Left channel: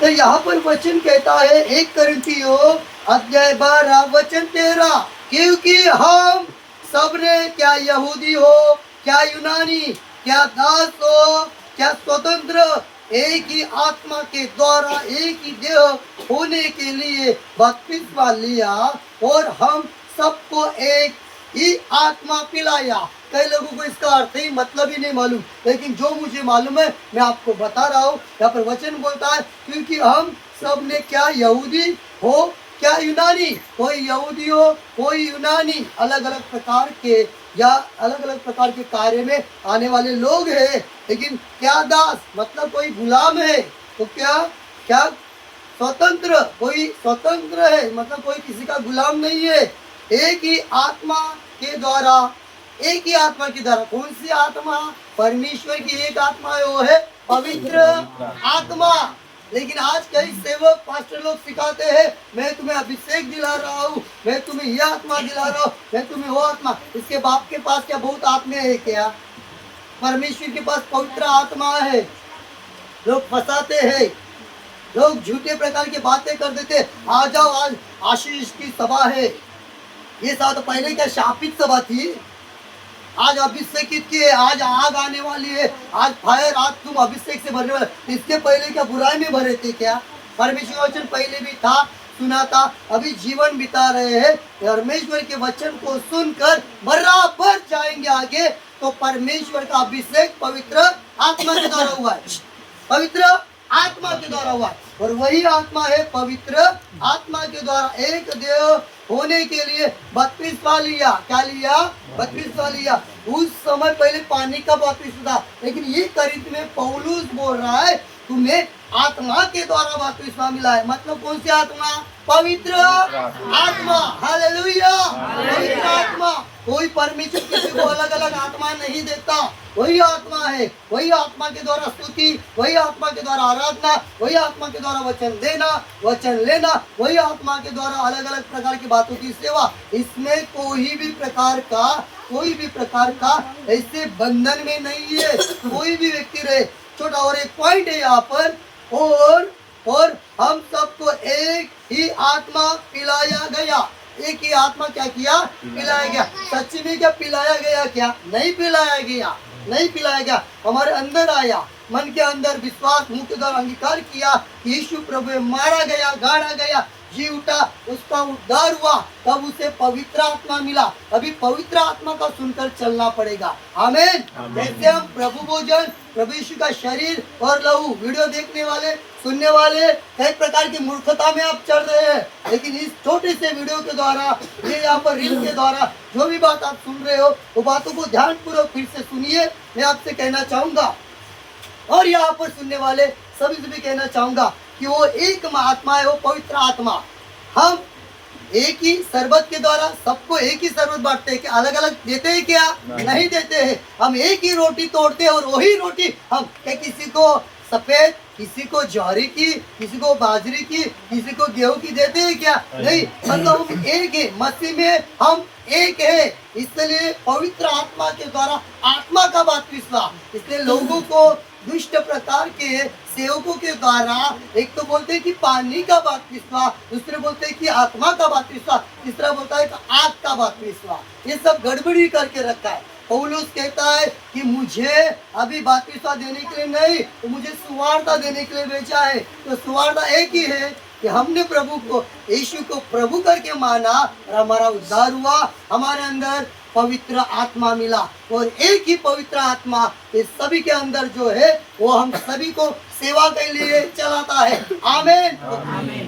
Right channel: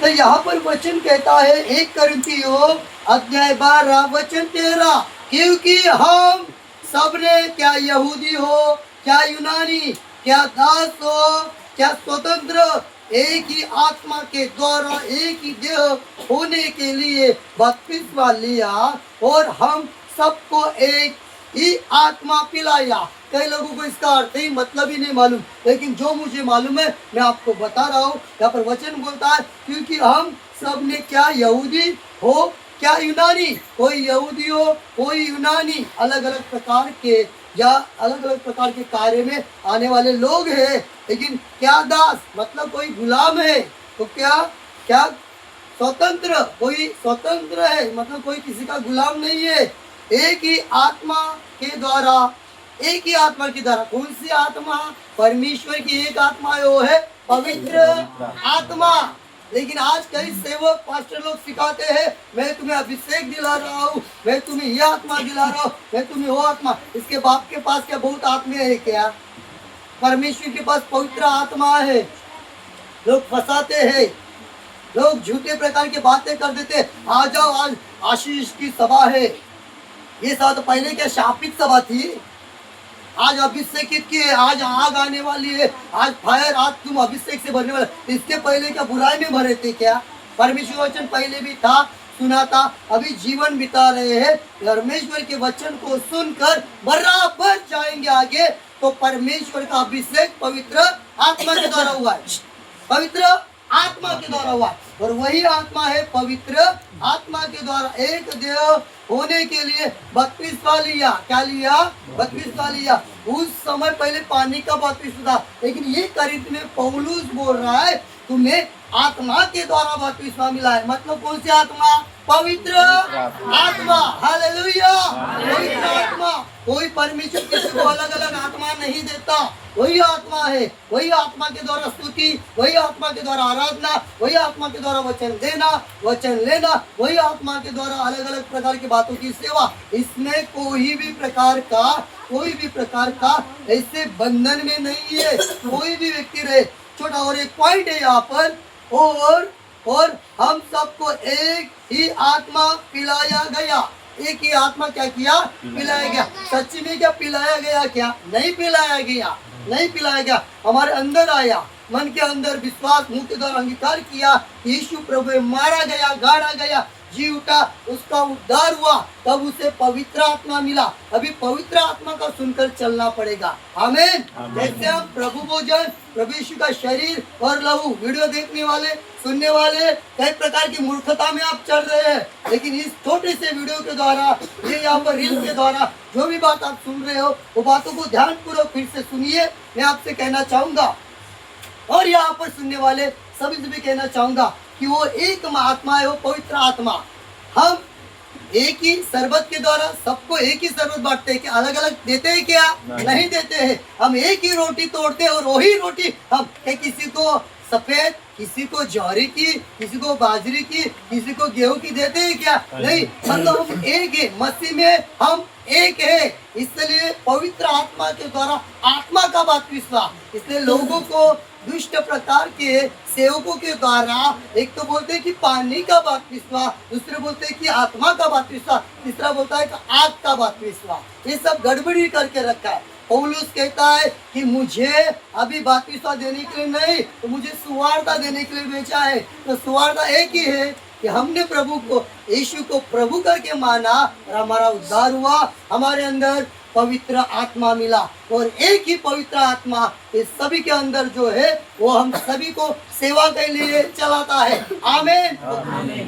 तो यहाँ पर वचन कहता है 1 कोरिन्थियों अध्याय 12 वचन 13, क्योंकि हम सबने क्या यहूदी हो क्या यूनानी क्या दास हो क्या स्वतंत्र एक ही आत्मा के द्वारा एक ही देह होने के लिए बपतिस्मा लिया और हम सबको एक ही आत्मा पिलाया। कई लोगों को इसका अर्थ ही मतलब ही नहीं मालूम, लेकिन जो मुझे मालूम है मैं आपको बता रहा हूँ। यहाँ पर वचन बोलता है क्योंकि हम सब ने क्या यहूदी हो क्या यूनानी, कोई यहूदी हो कोई यूनानी, अलग अलग प्रकार के या अलग अलग प्रकार के कार्य में आने वाले लोग हैं। लेकिन क्या दास मतलब कोई गुलाम है, तो क्या क्या स्वतंत्र, कोई स्वतंत्र है मतलब कोई किसी का गुलाम नहीं है। एक ही आत्मा के द्वारा, एक ही आत्मा के द्वारा, कौन सी आत्मा? परमेश्वर की एक आत्मा है, वो है पवित्र आत्मा। लेकिन आज कई सेवक पास्टर लोग सिखाते हैं मैं तुम्हें अभिषेक दिला रहा हूँ, मैं तुम्हें यह आत्मा दिला रहा हूँ, मैं तुम्हें वो आत्मा। इसके बाप के पास क्या बहुत आत्मा है क्या? परमेश्वर के पास पवित्र आत्मा है। लोग फंसाते हैं, लोग झूठे प्रकार की बातें कर देते। आ जाओ आज आशीष की सभा है। ये सभा तो पहले क्या शापित सभा थी, आज अभिषेकित की है, आज आग आने वाली है, आज फायर, आज तुम अभिषेक से भरने वाले। इसके पहले क्या बुराई में भरे थे क्या? परमेश्वर वचन पहले भी था, सुना था, अभी जीवन बिता रहे हैं। परमेश्वर के वचन को सुनकर बराबर जाएंगे आगे। तो परमेश्वर का अभिषेक पवित्र आत्मा के द्वारा हुआ है, पवित्र आत्मा के द्वारा हुआ है। और वही आत्मा है पवित्र आत्मा के द्वारा एक देह होने के लिए बपतिस्मा लिया। क्या लिया? बपतिस्मा लिया। उस समय पहले पानी का बपतिस्मा था, लेकिन ये कोरिन्थ में पौलुस बोल रहा है तुम्हें आत्मा के द्वारा बपतिस्मा मिला है। मतलब कौन सी आत्मा? पवित्र आत्मा। हालेलुया, पवित्र आत्मा। कोई परमेश्वर किसी को अलग अलग आत्मा नहीं देता, वही आत्मा है। वही आत्मा के द्वारा स्तुति, वही आत्मा के द्वारा आराधना, वही आत्मा के द्वारा वचन देना, वचन लेना, वही आत्मा के द्वारा अलग अलग प्रकार की बातों की सेवा। इसमें कोई भी प्रकार का ऐसे बंधन में नहीं है। कोई भी व्यक्ति रहे, छोटा। और एक पॉइंट है यहाँ पर, और हम सबको एक ही आत्मा पिलाया गया। एक ही आत्मा क्या किया? पिलाया गया। सच्ची में क्या पिलाया गया? क्या नहीं पिलाया गया? नहीं पिलाया गया। हमारे अंदर आया, मन के अंदर विश्वास, मुंह के द्वारा अंगीकार किया, यीशु प्रभु मारा गया, गाड़ा गया, जी उठा, उसका उद्धार हुआ, तब उसे पवित्र आत्मा मिला। अभी पवित्र आत्मा का सुनकर चलना पड़ेगा। आमीन। जैसे हम प्रभु भोजन, प्रभु यीशु का शरीर और लहू, वीडियो देखने वाले, सुनने वाले कई प्रकार की मूर्खता में आप चल रहे हैं, लेकिन इस छोटे से वीडियो के द्वारा, ये यहाँ पर रील के द्वारा जो भी बात आप सुन रहे हो, वो बातों को ध्यानपूर्वक फिर से सुनिए। मैं आपसे कहना चाहूंगा और यहाँ पर सुनने वाले सभी से भी कहना चाहूंगा कि वो एक आत्मा है, वो पवित्र आत्मा। हम एक ही शरबत के द्वारा सबको एक ही शरबत बांटते हैं, क्या अलग अलग देते हैं? क्या नहीं देते हैं। हम एक ही रोटी तोड़ते हैं और वही रोटी हम क्या किसी को सफेद, किसी को ज्वारी की, किसी को बाजरी की, किसी को गेहूं की देते हैं? क्या नहीं। मतलब हम एक है, मसीह में हम एक है। इसलिए पवित्र आत्मा के द्वारा आत्मा का बपतिस्मा। इसलिए लोगों को दुष्ट प्रकार के सेवकों के द्वारा एक तो बोलते हैं कि पानी का बपतिस्मा, दूसरे बोलते हैं कि आत्मा का बपतिस्मा, तीसरा बोलता है कि आग का बपतिस्मा। ये सब गड़बड़ी करके रखा है। पौलुस कहता है कि मुझे अभी बपतिस्मा देने के लिए नहीं, तो मुझे सुवार्ता देने के लिए भेजा है। तो सुवार्ता एक ही है कि हमने प्रभु को, यीशु को प्रभु करके माना और हमारा उद्धार हुआ, हमारे अंदर पवित्र आत्मा मिला। और एक ही पवित्र आत्मा इस सभी के अंदर जो है वो हम सभी को सेवा के लिए चलाता है। आमीन।